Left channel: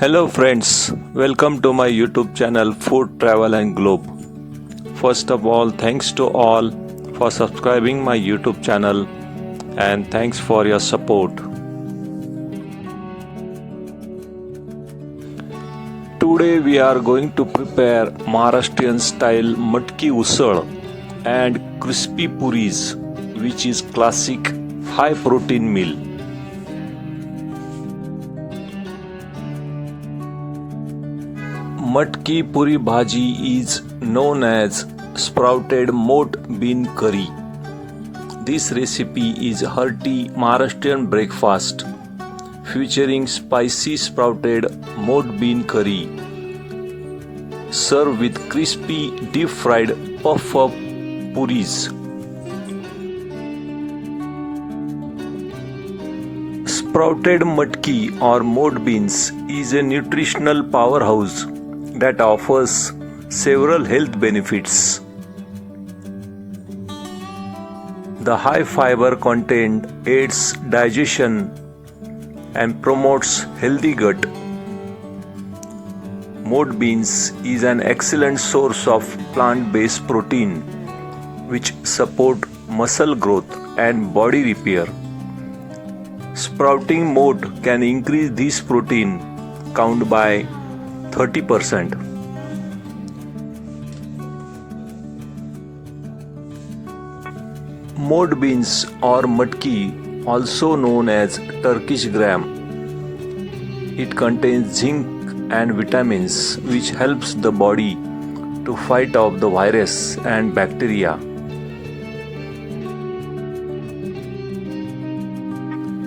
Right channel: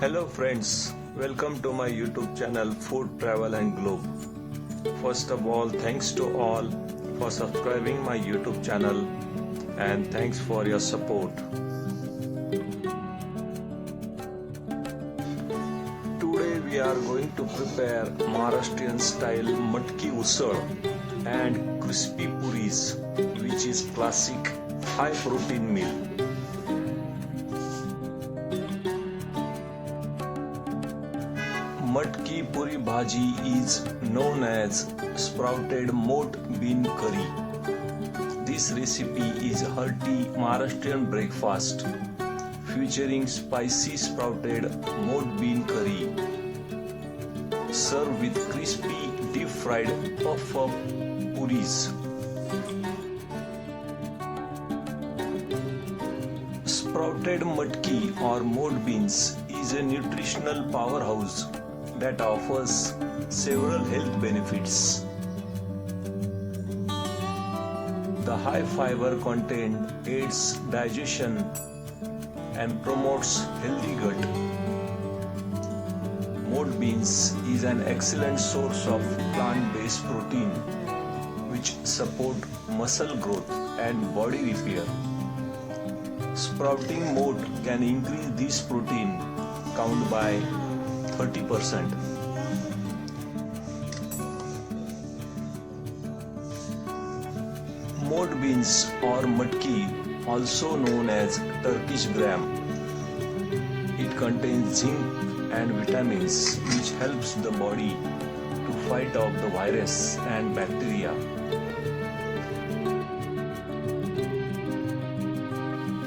Hello friends, welcome to my YouTube channel Food Travel and Globe. First of all, thanks to all for subscribing my YouTube channel and thanks for your support. Today we are going to prepare Maharashtrian style matki usal and crispy puris, which is classic high protein meal. Matki puri bhaji is known as sprouted moat bean curry. This recipe is hearty Maharashtrian breakfast featuring spicy sprouted moat bean curry. Serve with crispy deep fried puff-up puris. Sprouted matki or moat beans is a nutritional powerhouse that offers several health benefits. The high fiber content aids digestion and promotes healthy gut. Moat beans is an excellent source of plant-based protein which support muscle growth and body repair. Sprouting moat can increase this protein count by 30%. Moat beans or matki, also known as Turkish gram. It contains zinc and vitamins which helps the body to fight off the virus and bacteria.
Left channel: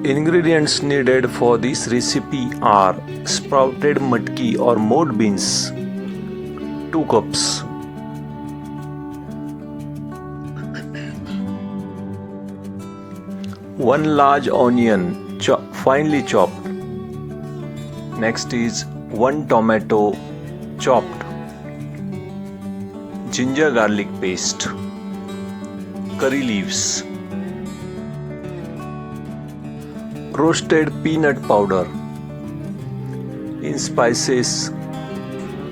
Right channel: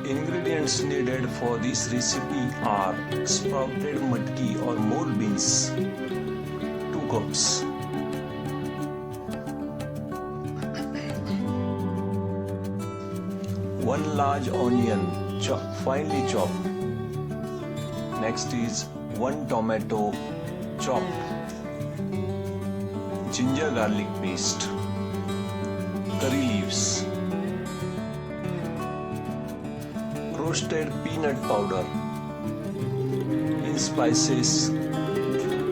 Ingredients needed for this recipe are sprouted matki or moat beans 2 cups, one large onion finely chopped. Next is 1 tomato chopped, ginger garlic paste, curry leaves, roasted peanut powder. In spices,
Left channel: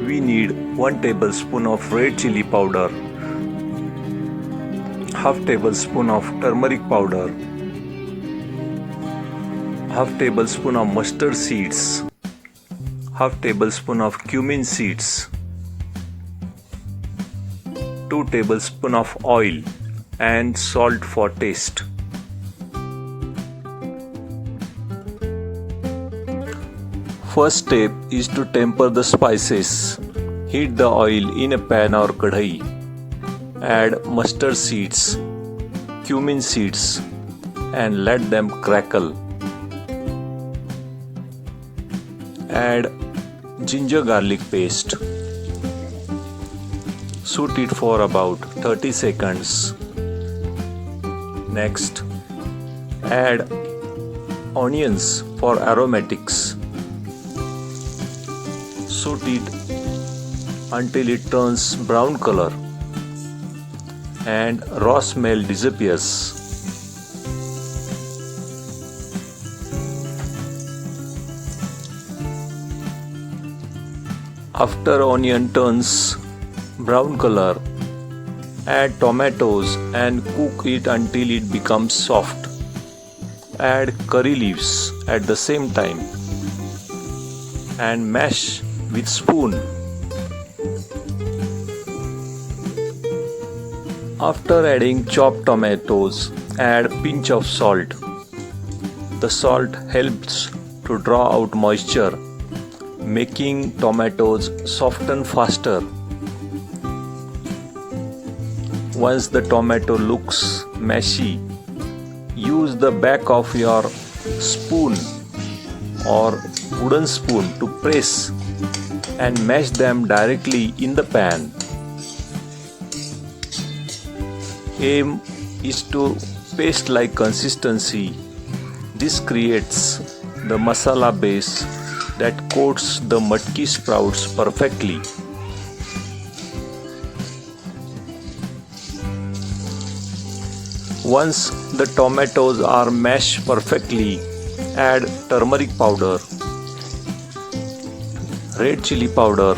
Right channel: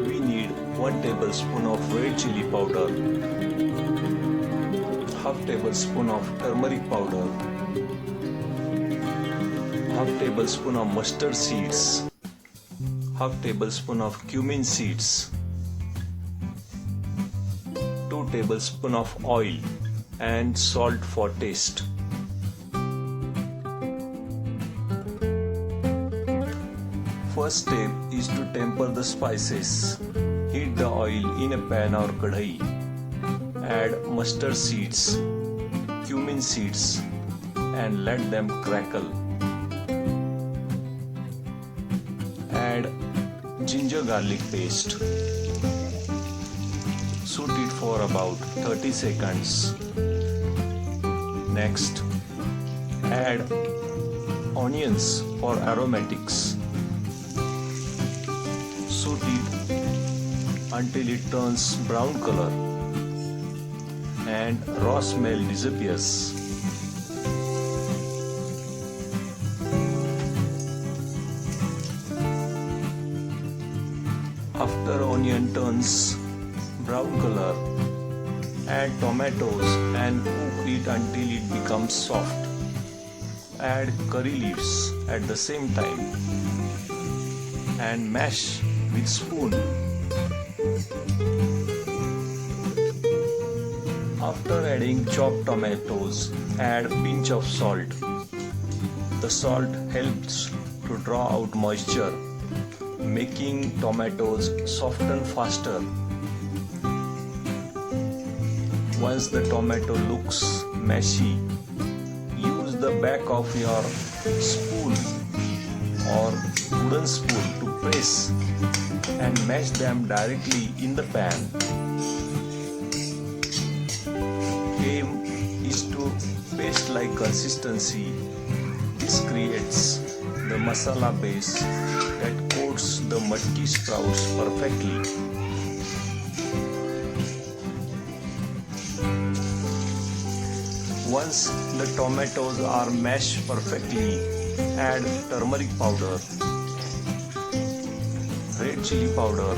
we need 1 tablespoon of red chili powder, half tablespoon of turmeric powder, half tablespoon of mustard seeds, half tablespoon of cumin seeds, 2 tablespoon of oil and salt for taste. First step is to temper the spices. Heat the oil in a pan or kadhai. Add mustard seeds, cumin seeds and let them crackle. Add ginger garlic paste. Saute it for about 30 seconds. Next, add onions for aromatics. Saute it until it turns brown color and raw smell disappears. After onion turns brown color, add tomatoes and cook it until it becomes soft. Add curry leaves at the same time and mash with spoon. After adding chopped tomatoes, add pinch of salt. The salt helps to draw out moisture, making tomatoes soften faster. Once the tomato looks mashy, use the back of your spoon or wooden spoon to press and mash them directly in the pan. Aim is to paste-like consistency. This creates the masala base that coats the matki sprouts perfectly. Once the tomatoes are mashed perfectly, add turmeric powder red chili powder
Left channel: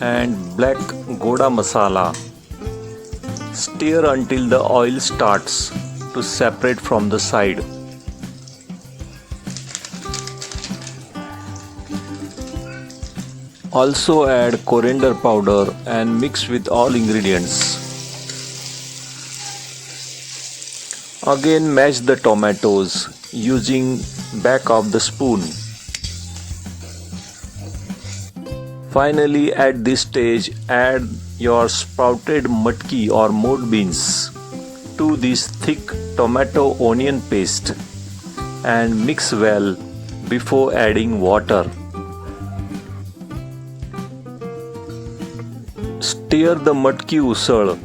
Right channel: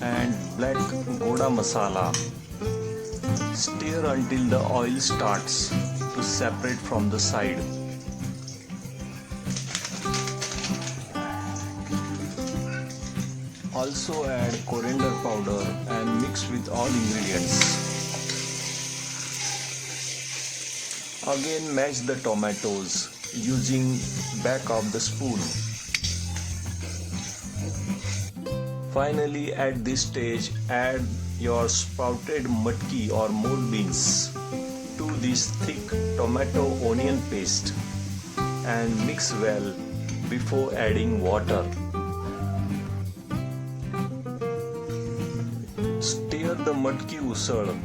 and black goda masala. Stir until the oil starts to separate from the side. Also add coriander powder and mix with all ingredients. Again mash the tomatoes using back of the spoon. Finally, at this stage, add your sprouted matki or mood beans to this thick tomato onion paste and mix well before adding water. Stir the matki usal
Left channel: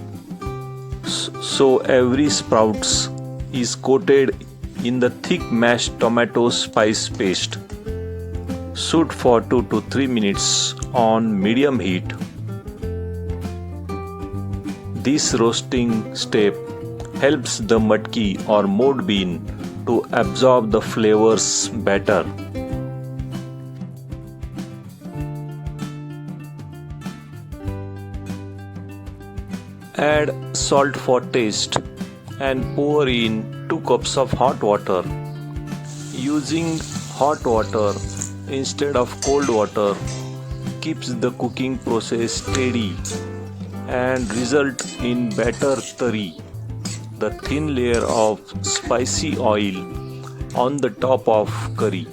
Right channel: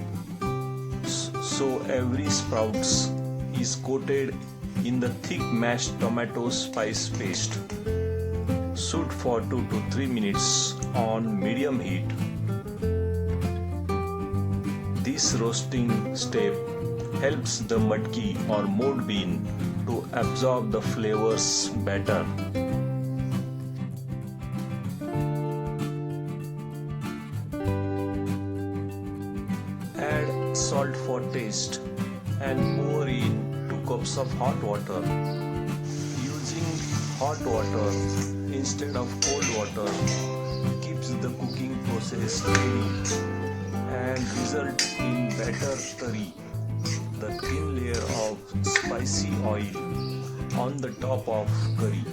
so every sprouts is coated in the thick mashed tomato spice paste. Shoot for 2 to 3 minutes on medium heat. This roasting step helps the matki or mood bean to absorb the flavors better. Add salt for taste and pour in 2 cups of hot water. Using hot water instead of cold water keeps the cooking process steady and result in better tari, the thin layer of spicy oil on the top of curry.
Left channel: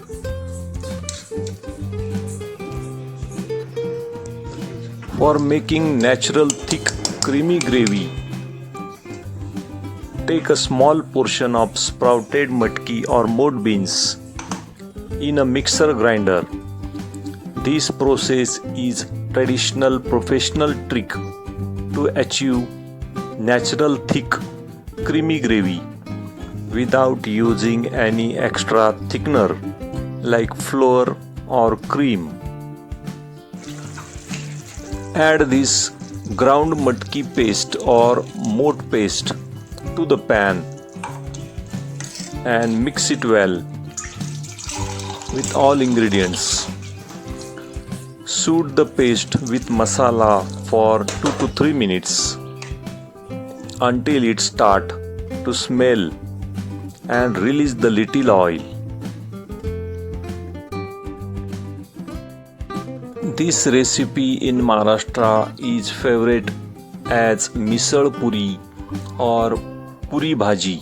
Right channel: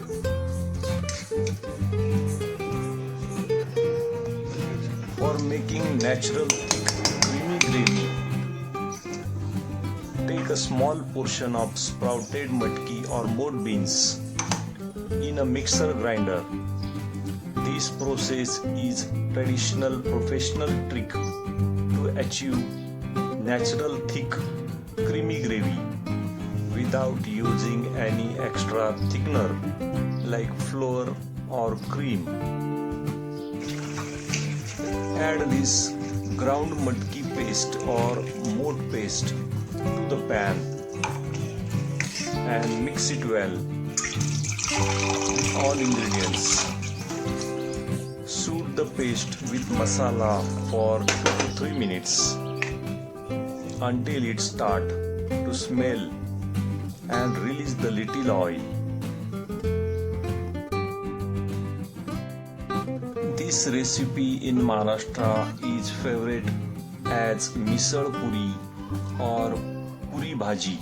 For making natural thick creamy gravy, take a small portion of sprouted matki or mood beans in a mixer grinder. This process is traditional professional trick to achieve natural thick creamy gravy without using any extra thickener like flour or cream. Add this ground matki paste or moat paste to the pan and mix it well with all ingredients. Shoot the paste with masala for 2 to 3 minutes until it starts to smell and release the little oil. This recipe in Maharashtra is favorite as misal puri or puri bhaji,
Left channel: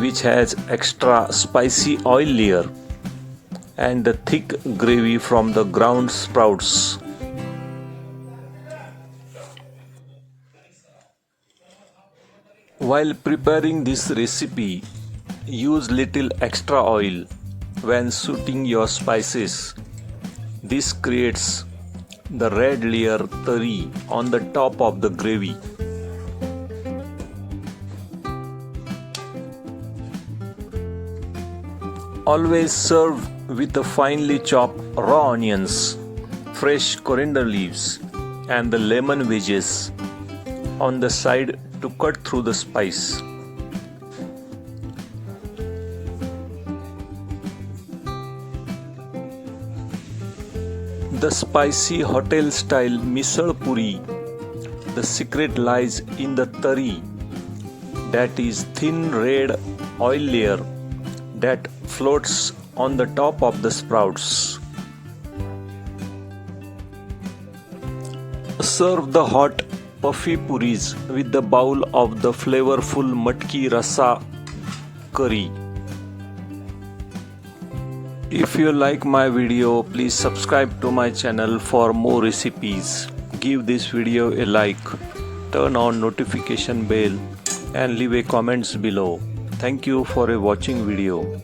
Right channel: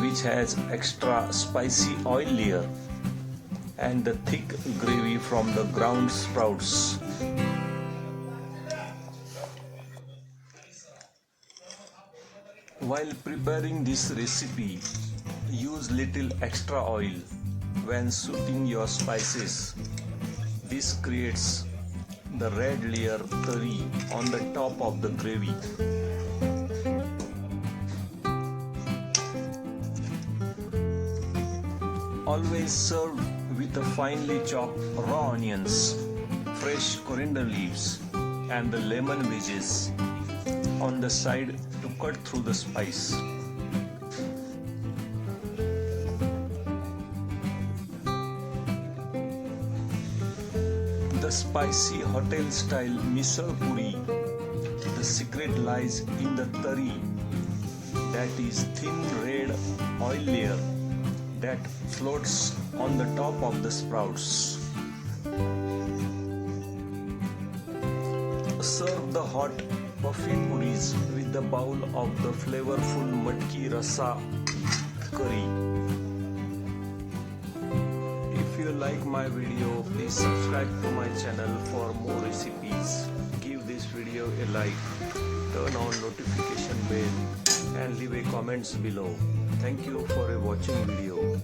which has extra spicy oil layer and the thick gravy from the ground sprouts. While preparing this recipe, use little extra oil when shooting your spices. This creates the red layer tari on the top of the gravy. Always serve with the finely chopped raw onions, fresh coriander leaves and the lemon wedges on the side to cut through the spice. The spicy hotel style misal puri, the secret lies in the tari, that is thin red oil layer that floats on the top of the sprouts. Serve the hot puffy puris with the bowl of the flavorful matki rasa curry. If you like my video, please subscribe to my channel for more recipes. Give this video a like, turn on notification bell and leave a comments below. Thank you for a watching video.